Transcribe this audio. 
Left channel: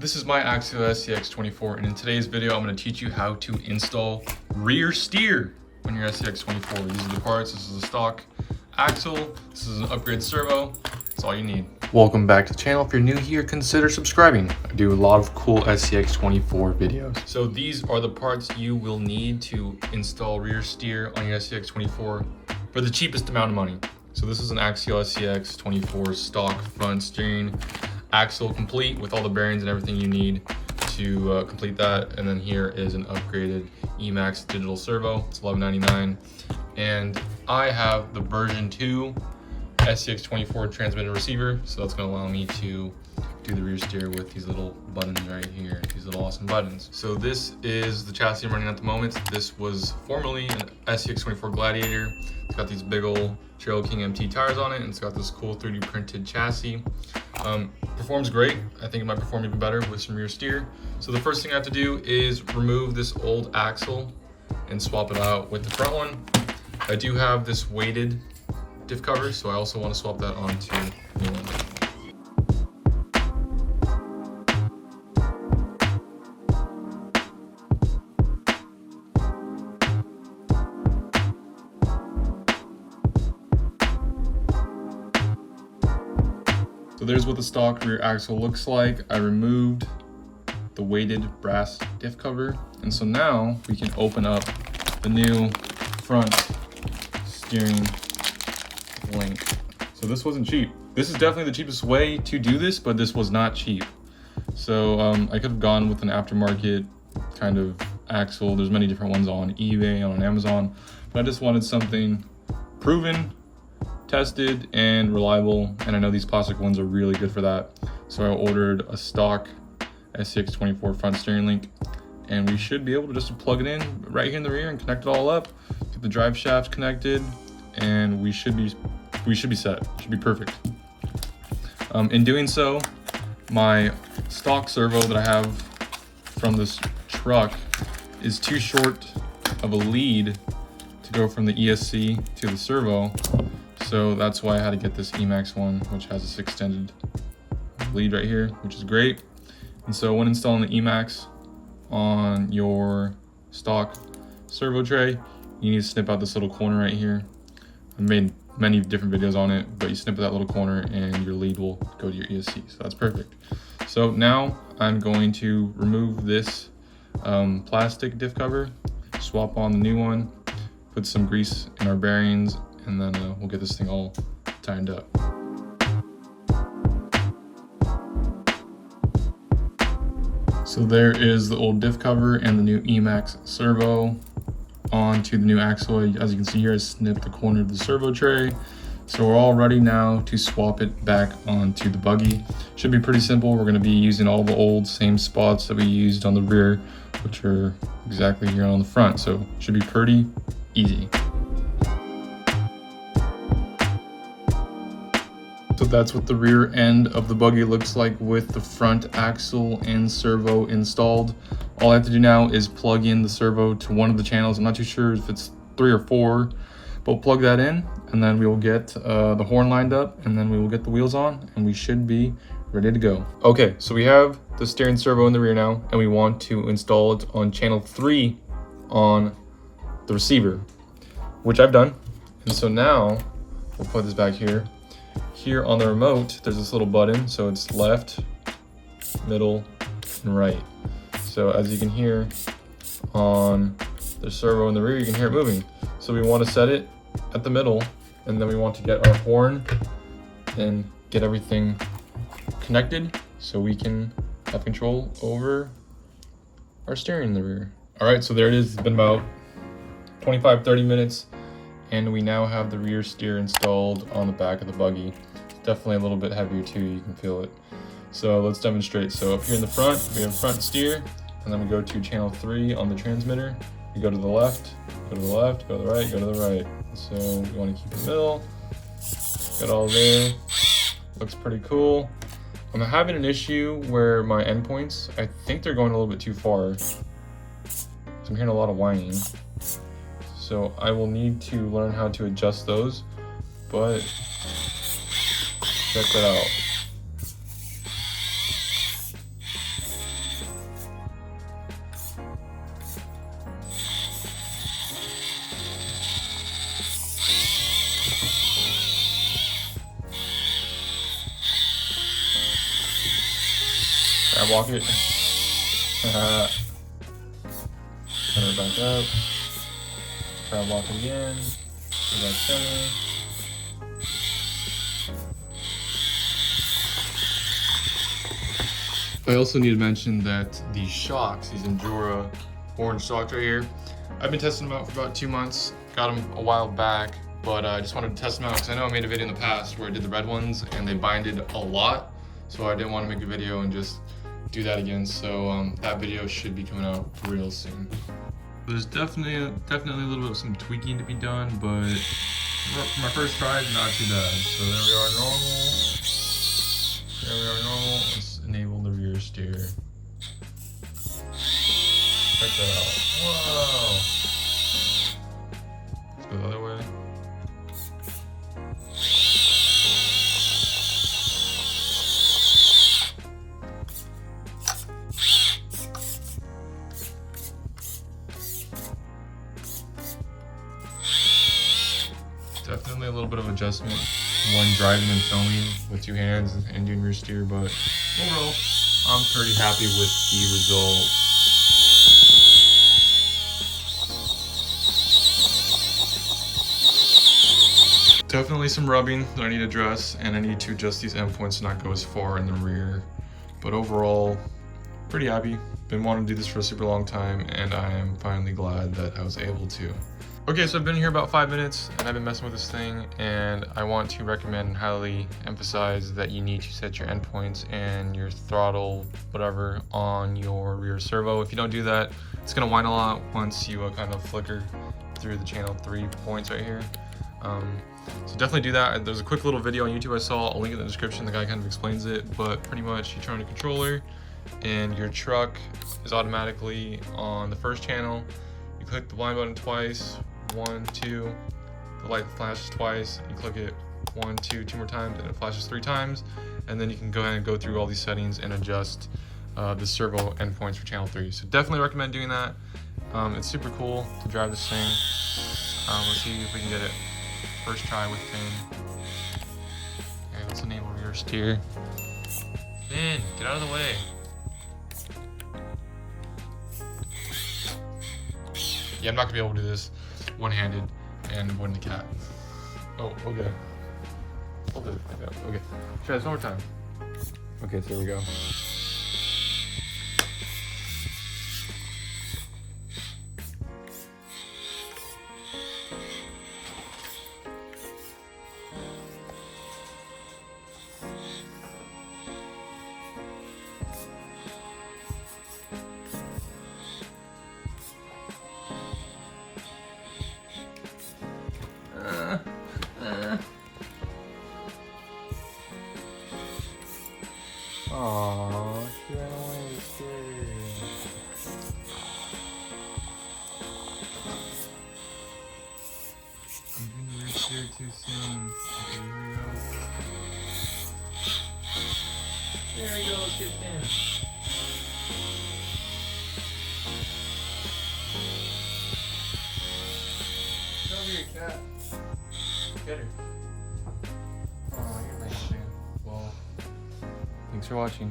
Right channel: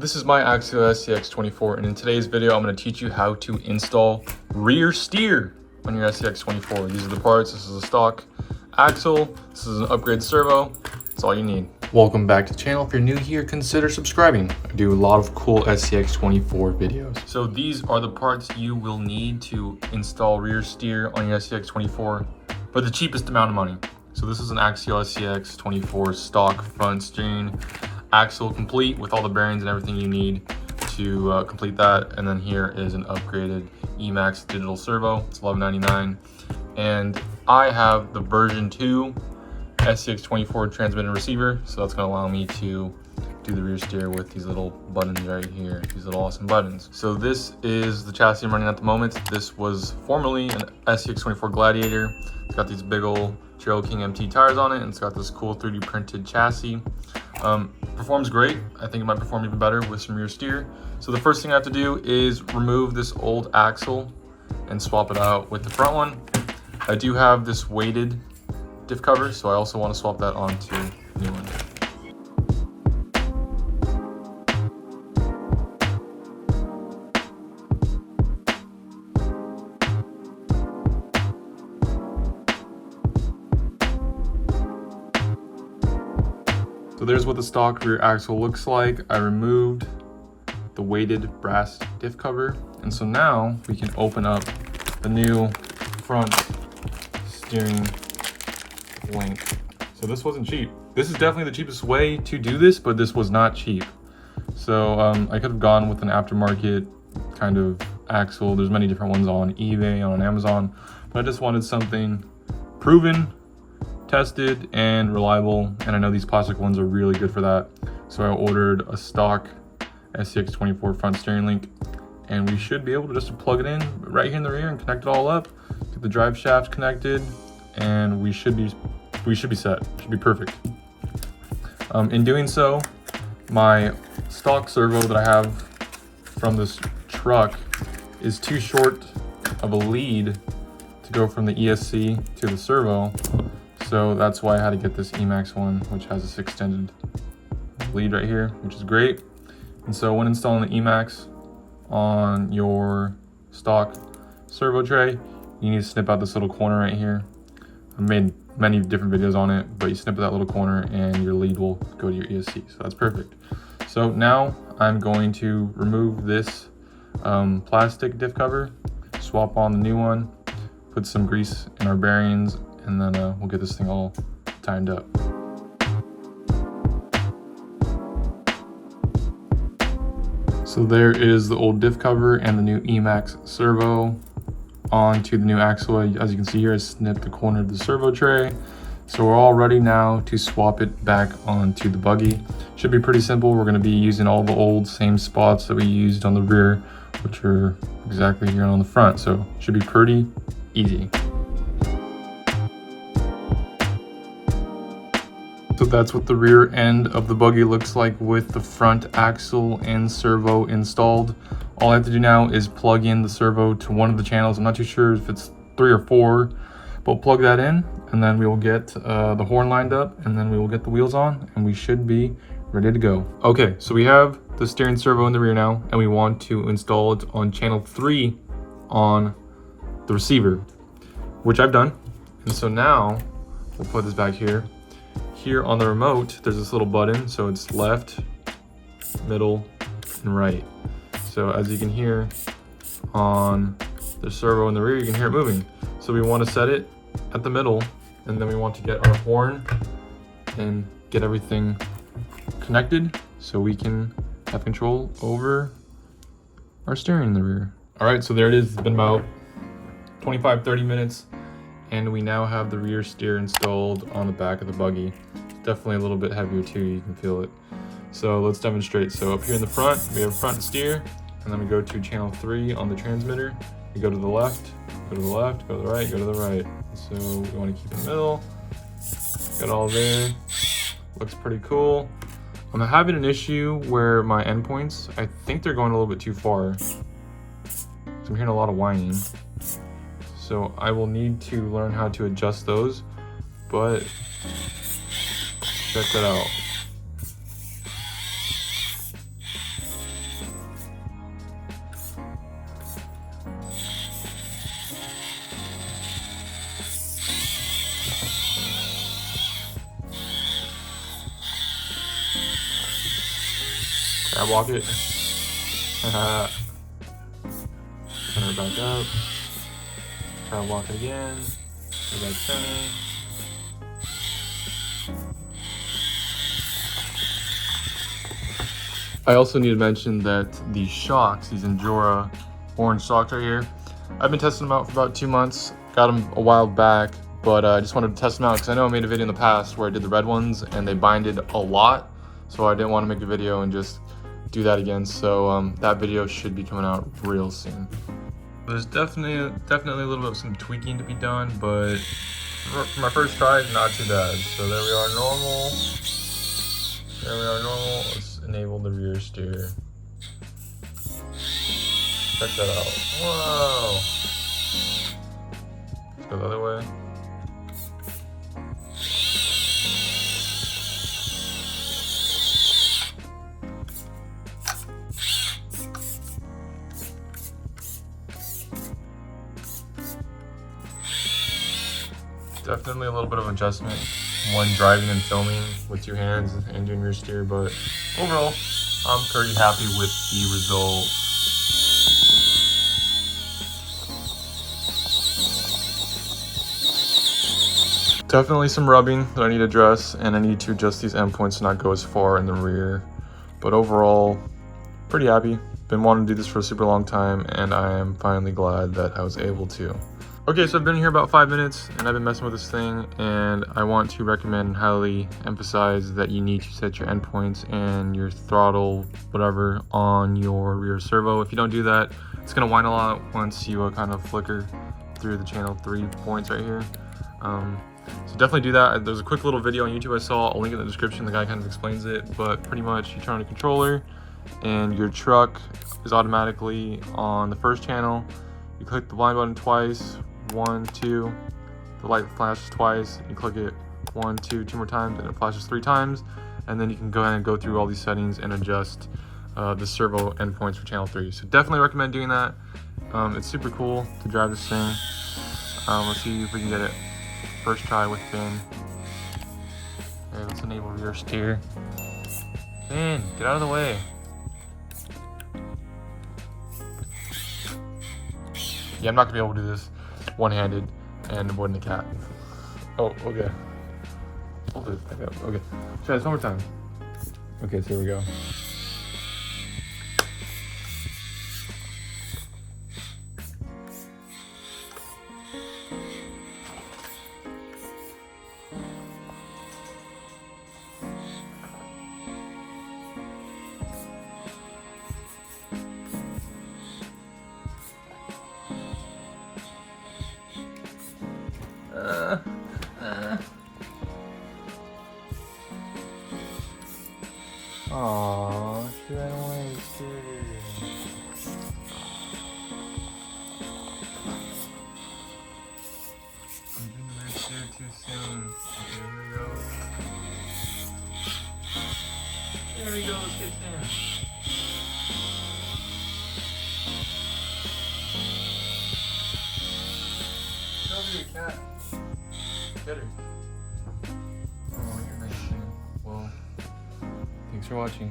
This is my Axial SCX24, and in today's video I'm going to teach you how to install rear steer on your SCX24. These are the parts. This is a stock axle. This is an upgrade servo. That's all you need. Welcome back to the channel. If you're new here, consider subscribing. I do a lot of cool SCX24 videos. So these are the parts you will need to install rear steer on your SCX24 for the cheapest amount of money. So this is an Axial SCX24 stock front steering axle complete with all the bearings and everything you need to complete that. And then here is an upgraded Emax digital servo. It's $11.99. And I have the version 2 SCX24 transmitter receiver, so that's going to allow me to do the rear steer with these little buttons right here, these little awesome buttons. So this is the chassis I'm running at the moment. This was formerly an SCX24 Gladiator. It's got these big old Trail King MT tires on it, and it's got this cool 3D printed chassis. Performs great. I think it might perform even better with some rear steer. So the first thing I have to do is remove this old axle and swap it out with the front one. I do have this weighted diff cover, so I also want to swap that onto the new one. So there's what the stock rear axle looks like. I removed the weighted brass diff cover, and so now we can open up the new front steering link. So this wasn't cheap. This is definitely the cheapest way to do this, but this was not cheap. So I could have gone with an aftermarket kind of axle. There's many different ones on eBay, on Amazon, but I just wanted something proven, tested, and reliable, and I know these plastic ones are really good for that. So I ordered a stock SCX24 front steering link, and we should be able to just plug it in right here in the rear and connect it all up, get the drive shaft connected, and we should be set. It should be perfect. In doing so, my stock servo that I have from this truck is too short of a lead to go from the ESC to the servo. So that's why I had to get this Emax one, which has this extended lead right here, which is great. And so when installing the Emax on your stock servo tray, you need to snip out this little corner right here. I've made many different videos on it, but you snip that little corner and your lead will go to your ESC. So that's perfect. So now I'm going to remove this plastic diff cover, swap on the new one, put some grease in our bearings, and then we'll get this thing all tightened up. So there is the old diff cover and the new Emax servo onto the new axle. As you can see here, I snipped the corner of the servo tray. So we're all ready now to swap it back onto the buggy. Should be pretty simple. We're going to be using all the old same spots that we used on the rear, which are exactly here on the front. So it should be pretty easy. So that's what the rear end of the buggy looks like with the front axle and servo installed. All I have to do now is plug in the servo to one of the channels. I'm not too sure if it's 3 or 4, but we'll plug that in, and then we will get the horn lined up, and then we will get the wheels on, and we should be ready to go. Okay, so we have the steering servo in the rear now, and we want to install it on channel 3 on the receiver, which I've done. And so now we'll put this back here. Here on the remote, there's this little button, so it's left, middle, and right. So as you can hear on the servo in the rear, you can hear it moving. So we want to set it at the middle, and then we want to get our horn and get everything connected so we can have control over our steering in the rear. All right, so there it is. It's been about 25-30 minutes, and we now have the rear steer installed on the back of the buggy. It's definitely a little bit heavier too, you can feel it. So let's demonstrate. So up here in the front, we have front steer, and then we go to channel 3 on the transmitter. We go to the left, go to the left, go to the right, go to the right. So we want to keep it in the middle, get all there. Looks pretty cool. I'm having an issue where my endpoints, I think they're going a little bit too far. So I'm hearing a lot of whining. So I will need to learn how to adjust those, but check that out. block it. Turn it back up. Try to block it again. Do that thing. I also need to mention that these shocks, these INJORA orange shocks right here, I've been testing them out for about 2 months. Got them a while back, but I just wanted to test them out because I know I made a video in the past where I did the red ones and they binded a lot. So I didn't want to make a video and just do that again. So that video should be coming out real soon. There's definitely a little bit of some tweaking to be done, but for my first try, not too bad. So there we are, normal. There we are, normal. Let's enable the rear steer. Check that out. Whoa! Let's go the other way. Definitely a little bit of adjustment when driving and filming with 2 hands and doing rear steer, but overall, I'm pretty happy with the results. Definitely some rubbing that I need to address, and I need to adjust these endpoints to not go as far in the rear. But overall, pretty happy. Been wanting to do this for a super long time, and I am finally glad that I was able to. Okay, so I've been here about 5 minutes, and I've been messing with this thing, and I want to recommend and highly emphasize that you need to set your endpoints and your throttle, whatever, on your rear servo. If you don't do that, it's gonna whine a lot once you kind of flicker through the channel 3 points right here. So definitely do that. There's a quick little video on YouTube I saw. I'll link it in the description. The guy kind of explains it, but pretty much you turn on a controller and your truck is automatically on the first channel. You click the blind button twice, 1, 2, the light flashes twice, you click it 1, 2, 2 more times, and it flashes 3 times, and then you can go ahead and go through all these settings and adjust the servo endpoints for channel 3. So definitely recommend doing that. It's super cool to drive this thing. Let's see if we can get it first try with Finn. Okay, let's enable rear steer. Finn, get out of the way. Yeah, I'm not gonna be able to do this one-handed and avoiding the cat. Oh, okay. Okay, try this one more time. Okay, so here we go. There we go, let's get in. Get over here, cat. Get her. Oh, you're nice, man. Well, thanks for watching.